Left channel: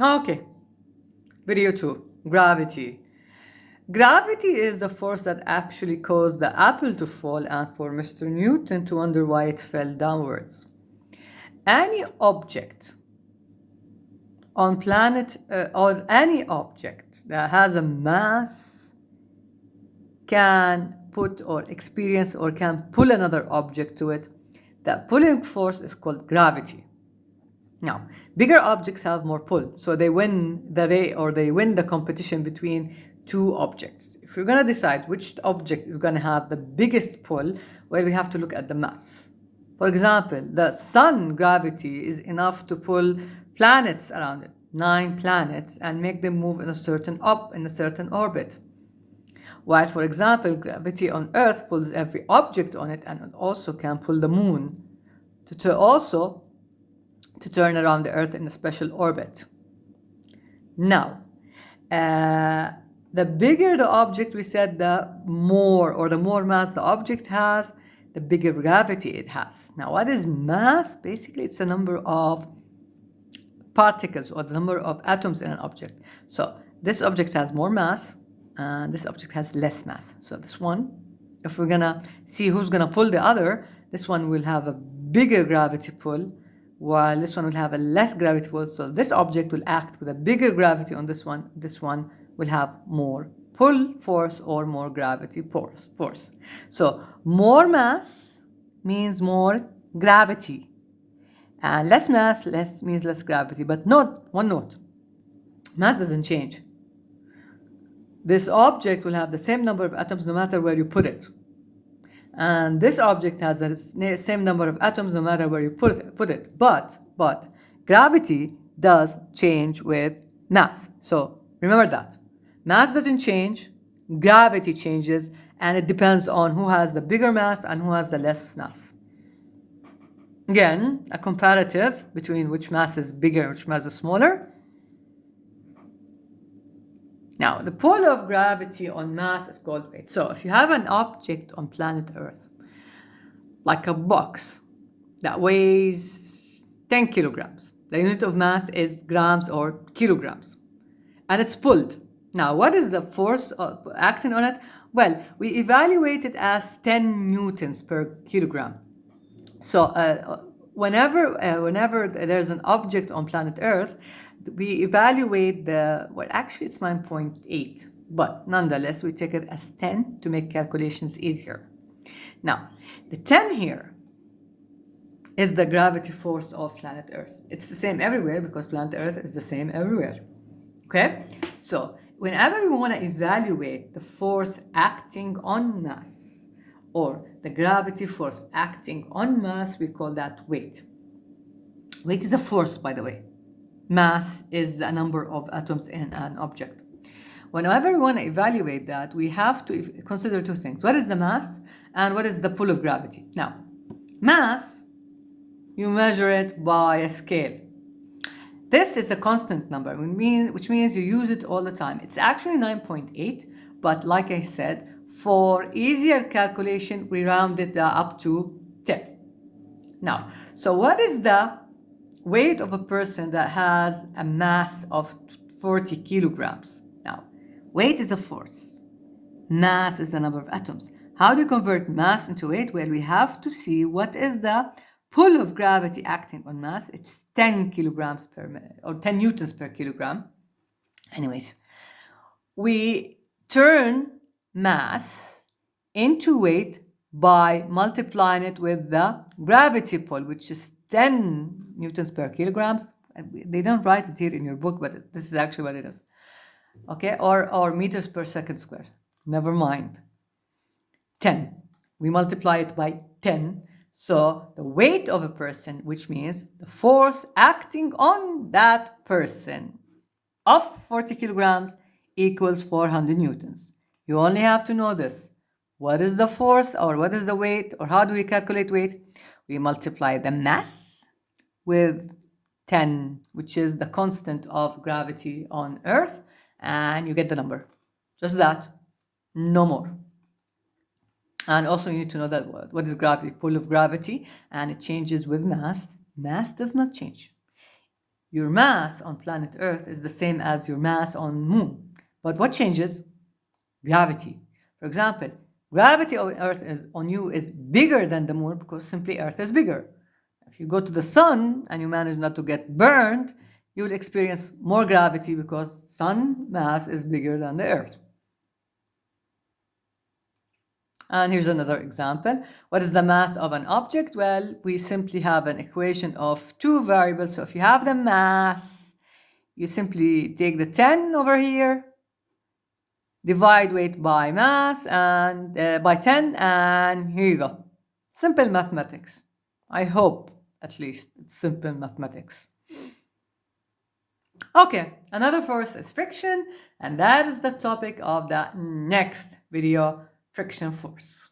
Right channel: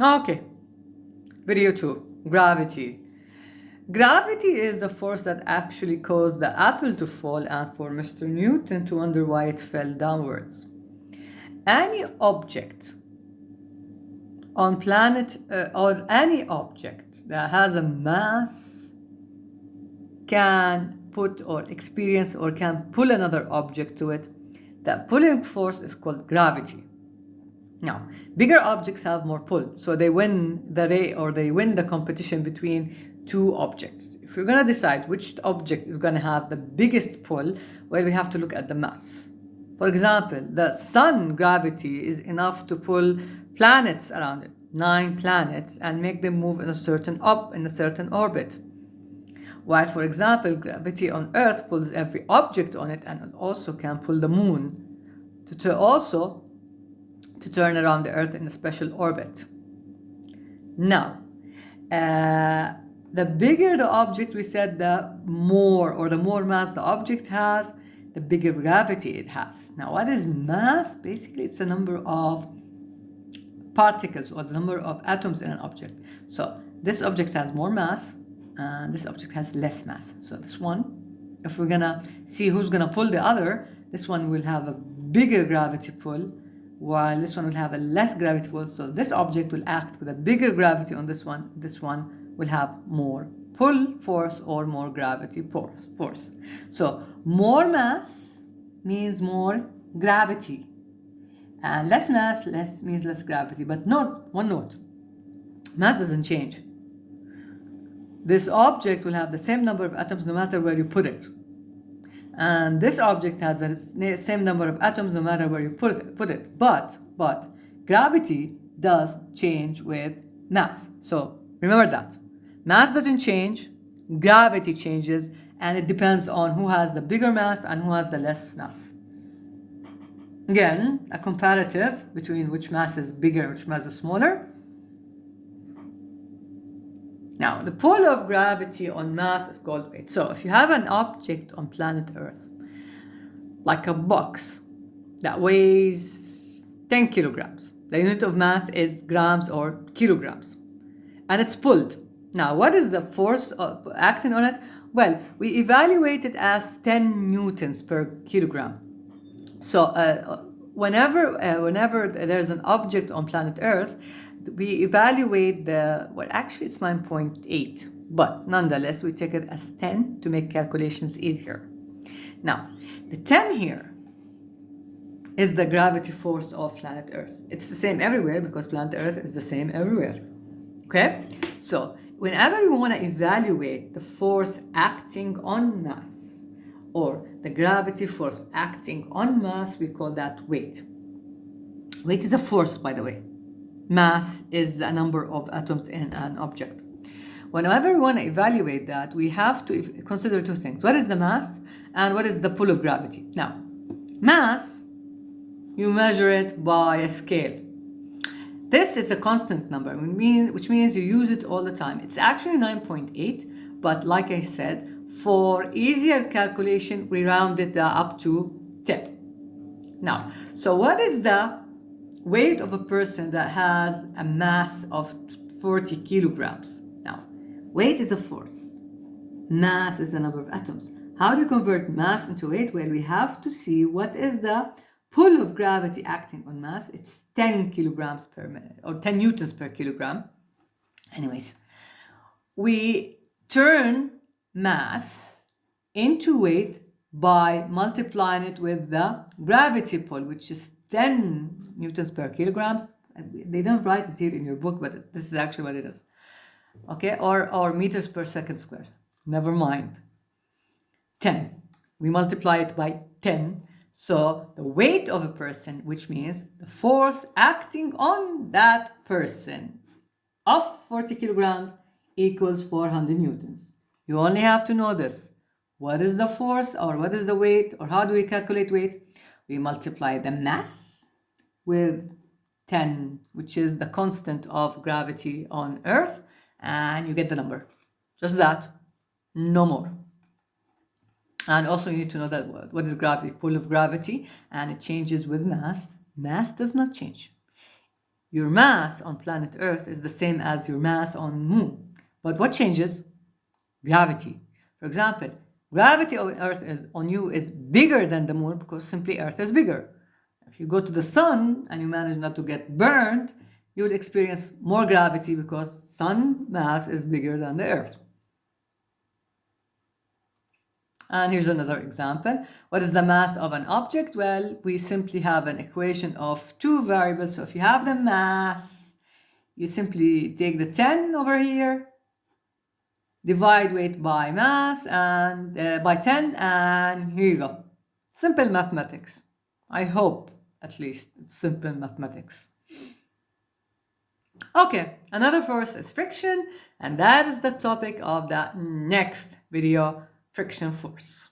Okay, video 2, gravity. Gravity is the force that actually caused the apple to fall and for Mr. Newton to wonder why it fell downwards. Any object on planet or any object that has a mass can put or experience or can pull another object to it. That pulling force is called gravity. Now, bigger objects have more pull, so they win the race or they win the competition between two objects. If we're gonna decide which object is gonna have the biggest pull, well, we have to look at the mass. For example, the sun gravity is enough to pull planets around it, 9 planets, and make them move in a certain orbit. While, for example, gravity on Earth pulls every object on it, and it also can pull the moon to turn around the Earth in a special orbit. Now, the bigger the object, we said, the more mass the object has, the bigger gravity it has. Now, what is mass? Basically, it's the number of particles or the number of atoms in an object. So this object has more mass and this object has less mass. So this one, if we're gonna see who's gonna pull the other, this one will have a bigger gravity pull while this one will have a less gravity pull. So this object will act with a bigger gravity on this one will have more pull force or more gravity force. So more mass means more gravity. And less mass means less gravity. But one note, mass doesn't change. This object will have the same number of atoms no matter where you put it. And this object has the same number of atoms no matter where you put it. But gravity does change with mass. So remember that. Mass doesn't change, gravity changes, and it depends on who has the bigger mass and who has the less mass. Again, a comparative between which mass is bigger and which mass is smaller. Now, the pull of gravity on mass is called weight. So if you have an object on planet Earth, like a box that weighs 10 kilograms, the unit of mass is grams or kilograms, and it's pulled. Now, what is the force acting on it? Well, we evaluate it as 10 newtons per kilogram. So whenever there's an object on planet Earth, we evaluate actually it's 9.8, but nonetheless we take it as 10 to make calculations easier. Now, the 10 here is the gravity force of planet Earth. It's the same everywhere because planet Earth is the same everywhere. Okay? So whenever we want to evaluate the force acting on mass, or the gravity force acting on mass, we call that weight. Weight is a force, by the way. Mass is the number of atoms in an object. Whenever we want to evaluate that, we have to consider two things. What is the mass and what is the pull of gravity? Now, mass, you measure it by a scale. This is a constant number, which means you use it all the time. It's actually 9.8, but like I said, for easier calculation, we round it up to 10. Now, so what is the weight of a person that has a mass of 40 kilograms? Now, weight is a force. Mass is the number of atoms. How do you convert mass into weight? Well, we have to see what is the pull of gravity acting on mass. It's 10 kilograms per minute, or 10 newtons per kilogram. Anyways, we turn mass into weight by multiplying it with the gravity pull, which is 10 newtons per kilograms. They don't write it here in your book, but this is actually what it is. Okay, or meters per second squared. Never mind. 10. We multiply it by 10. So the weight of a person, which means the force acting on that person of 40 kilograms, equals 400 newtons. You only have to know this. What is the force or what is the weight or how do we calculate weight? We multiply the mass with 10, which is the constant of gravity on Earth, and you get the number. Just that, no more. And also you need to know that what is gravity? Pull of gravity, and it changes with mass. Mass does not change. Your mass on planet Earth is the same as your mass on Moon. But what changes? Gravity. For example, gravity on Earth on you is bigger than the Moon because simply Earth is bigger. If you go to the sun and you manage not to get burned, you will experience more gravity because sun mass is bigger than the Earth. And here's another example. What is the mass of an object? Well, we simply have an equation of two variables. So if you have the mass, you simply take the 10 over here, divide weight by mass and by 10, and here you go. Simple mathematics. I hope, at least, it's simple mathematics. Okay, another force is friction, and that is the topic of the next video, friction force.